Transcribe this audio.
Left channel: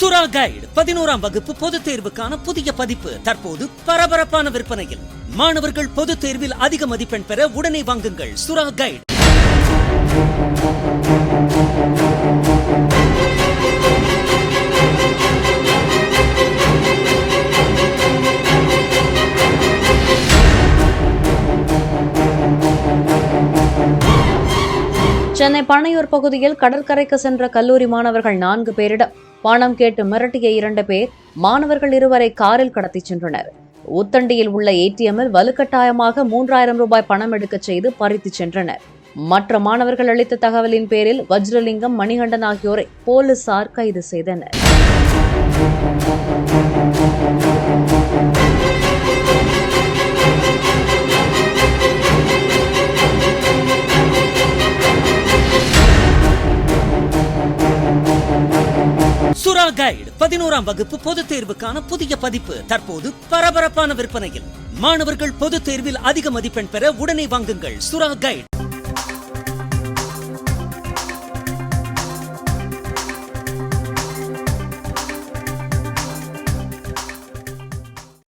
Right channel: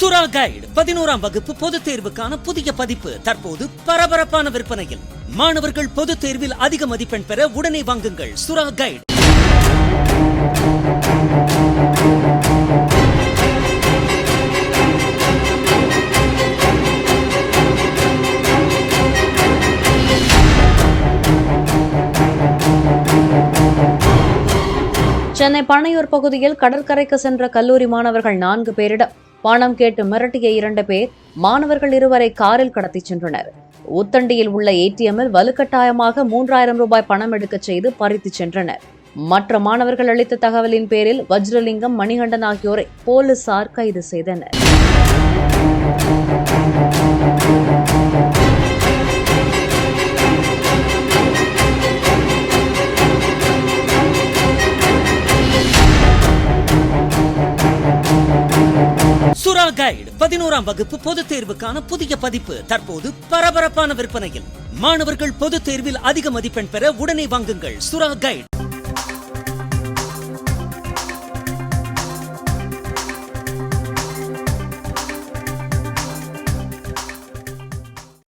சுறா கைடு 11ஆம் வகுப்பு பொதுத் தேர்வுக்கான புதிய பதிப்பு தற்போது பரபரப்பான விற்பனையில். மாணவர்கள் பொதுத் தேர்வில் அதிக மதிப்பெண் பெற உடனே வாங்குங்கள் சுறா கைடு. சென்னை பனையூர் பகுதியில் கடற்கரைக்கு சென்ற கல்லூரி மாணவர்கள் 4 பேரிடம் பணம் கேட்டு மிரட்டிய 2 பேர் மாணவர்கள் 2 காரில் கடத்திச் சென்றனர். ஊத்தண்டியில் உள்ள ஏடிஎம்மில் வலுக்கட்டாயமாக 3000 ரூபாய் பணம் எடுக்கச் செய்து பறித்துச் சென்றனர். மற்ற மாணவர்கள் அளித்த தகவலின் பேரில் வஜ்ரலிங்கம், மணிகண்டன் ஆகியோரை போலீசார் கைது செய்தனர். சுறா கைடு 11ஆம் வகுப்பு பொதுத் தேர்வுக்கான புதிய பதிப்பு தற்போது பரபரப்பான விற்பனையில். மாணவர்கள் பொதுத் தேர்வில் அதிக மதிப்பெண் பெற உடனே வாங்குங்கள் சுறா கைடு.